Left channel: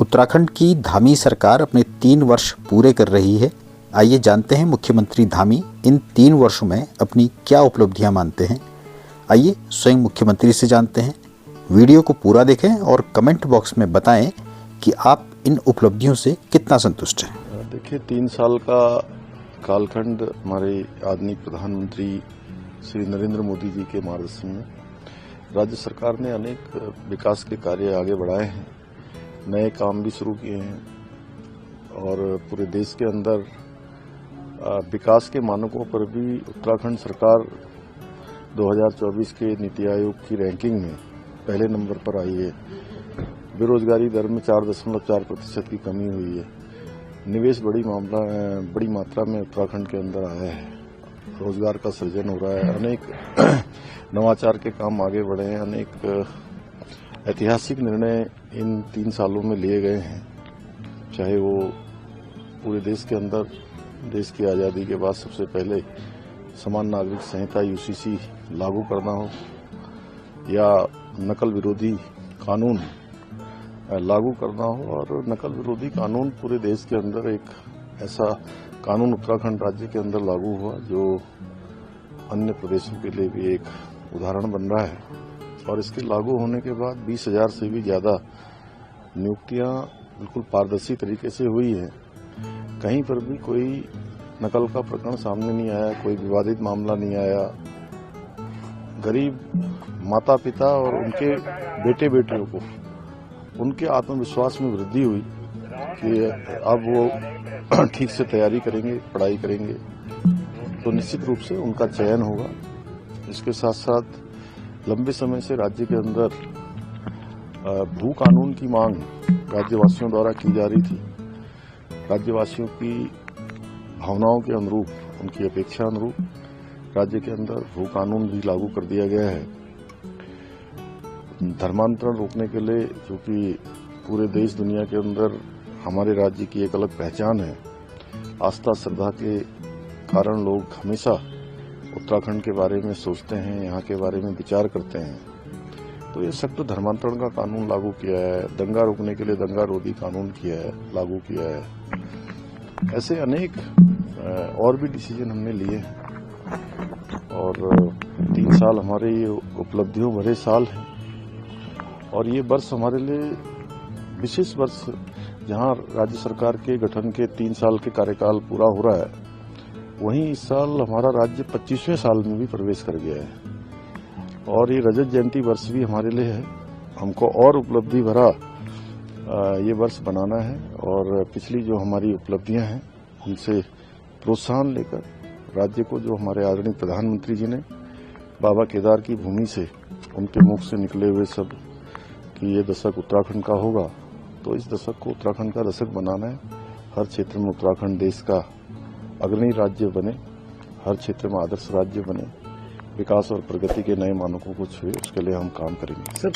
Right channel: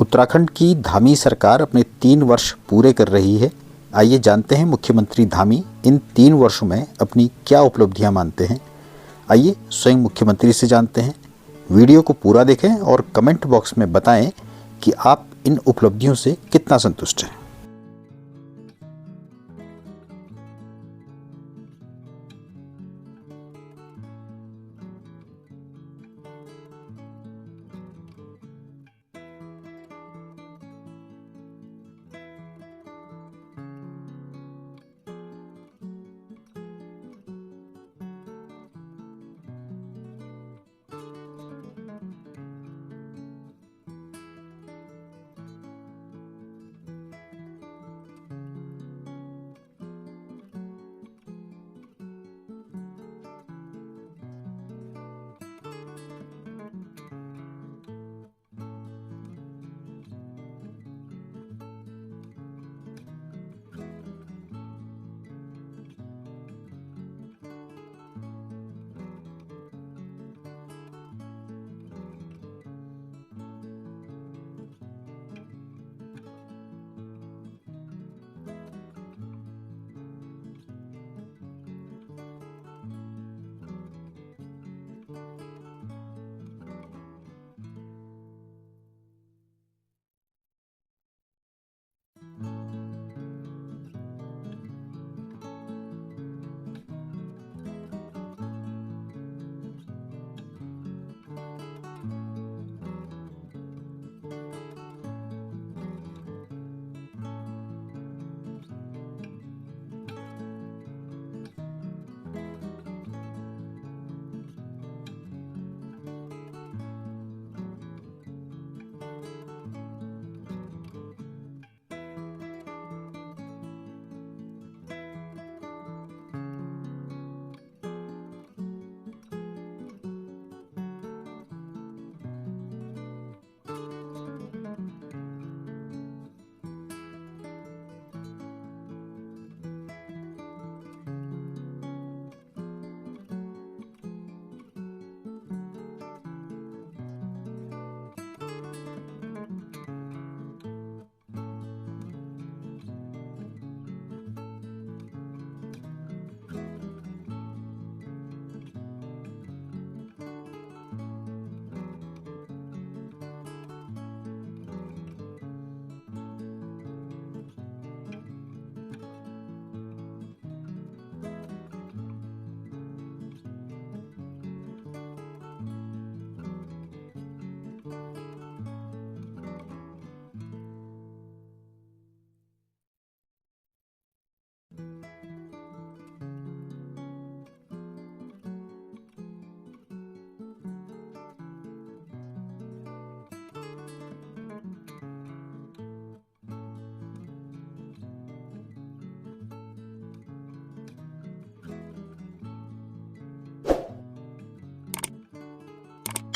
उत्तराखंड की धामी सरकार अपने 3 वर्ष पूरे कर रही है। आइए जानते हैं मुख्यमंत्री धामी इन 3 वर्षों में अपनी क्या उपलब्धियां मानते हैं। आइए स्वयं मुख्यमंत्री से जानते हैं। वीडियो को पूरा देखें और कमेंट बॉक्स में बताएं कि आप इन उपलब्धियों से कितना संतुष्ट हैं। देखिए, 3 साल का कालखंड हमारे आदरणीय प्रधानमंत्री श्री नरेंद्र मोदी जी के मार्गदर्शन में राज्य सरकार ने अनेक विकास के कार्य आगे बढ़ाए हैं, नए काम भी शुरू किए हैं और पूरे देश के अंदर विकास के मानकों पर भी उत्तराखंड सरकार 2024 के नीति आयोग की रैंकिंग में पहले नंबर पर आई है। बेरोजगारी दर में 4.4% की कमी हुई है। निवेश बड़ी मात्रा में उत्तराखंड के अंदर आया है। रोजगार का सृजन हो रहा है। अनेक नवाचार के काम आगे बढ़े हैं। अनेक ऐतिहासिक निर्णय इन 3 सालों में लिए गए हैं, चाहे वो पूरे देश के अंदर देश की आज़ादी के बाद सबसे पहले समान नागरिक संहिता यूसीसी लागू करना हो या नकल विरोधी कानून लागू करना हो। और नकल विरोधी कानून पूरे देश के अंदर एक ऐसा कानून उत्तराखंड राज्य के अंदर लागू हुआ जो अन्य प्रदेशों के लिए भी एक उदाहरण बन रहा है। और इसके लागू होने के बाद 20,000 से भी ज़्यादा नियुक्तियां बिल्कुल पारदर्शी तरीके से हुई है। कहीं पर भी कोई नकल का प्रकरण सामने नहीं आया, कोई विवादित मामला नहीं आया। गरीब माता पिता और उनके बेटे बेटियों को उनके आत्मविश्वास में वृद्धि हुई कि अब वो ठीक से तैयारी करेंगे, पढ़ाई करेंगे तो निश्चित रूप से उनका चयन होगा। इसके साथ साथ लंबे समय से राज्य के अंदर भू कानून की मांग राज्यवासियों द्वारा की जा रही थी। राज्यवासियों की भावनाओं के अनुरूप, उनकी अपेक्षा अनुरूप राज्य के अंदर भू कानून भी लागू कर दिया गया है। धर्मांतरण रोकने के लिए, जो कि पूरे देश दुनिया के अंदर हमारे राज्य की एक अलग पहचान है, आस्था श्रद्धा के कारण लोग हमेशा उत्तराखंड के बारे में सोचते हैं, यहाँ के बारे में विचार करते हैं। तो ये सख्त धर्मांतरण का कानून लागू किया है। दंगा रोकने के लिए दंगा रोधी कानून किया है, लागू किया है। ऐसे अनेक और भी डिसीजन हमने लिए हैं और 3 साल हमारे ये उपलब्धियों भरे साल हैं। और ये वर्ष हमारे लिए विशेष वर्ष, जहाँ राज्य सरकार के गठन के 3 साल के कार्यकाल पूरा हो रहा है, वहीं इस साल हमारा राज्य 25वें साल में भी प्रवेश कर गया है। और ये रजत जयंती वर्ष भी हमारे लिए है। हमको और उपलब्धि भरा ये वर्ष बनाना है और पिछली जो हमारी उपलब्धियां हैं उनसे प्रोत्साहन लेकर राज्य को, जो हमारे आदरणीय प्रधानमंत्री जी ने बाबा केदार की भूमि से, उनके मुख से निकले हुए सब कि ये दशक उत्तराखंड का होगा, तो इस दशक को उत्तराखंड का दशक बनाना है। हर क्षेत्र में उत्तराखंड देश का अग्रणी राज्य बने, हर क्षेत्र में आदर्श राज्य बने, विकास और प्रगति के नए मानकों को छुए, उसके लिए हम काम करेंगे।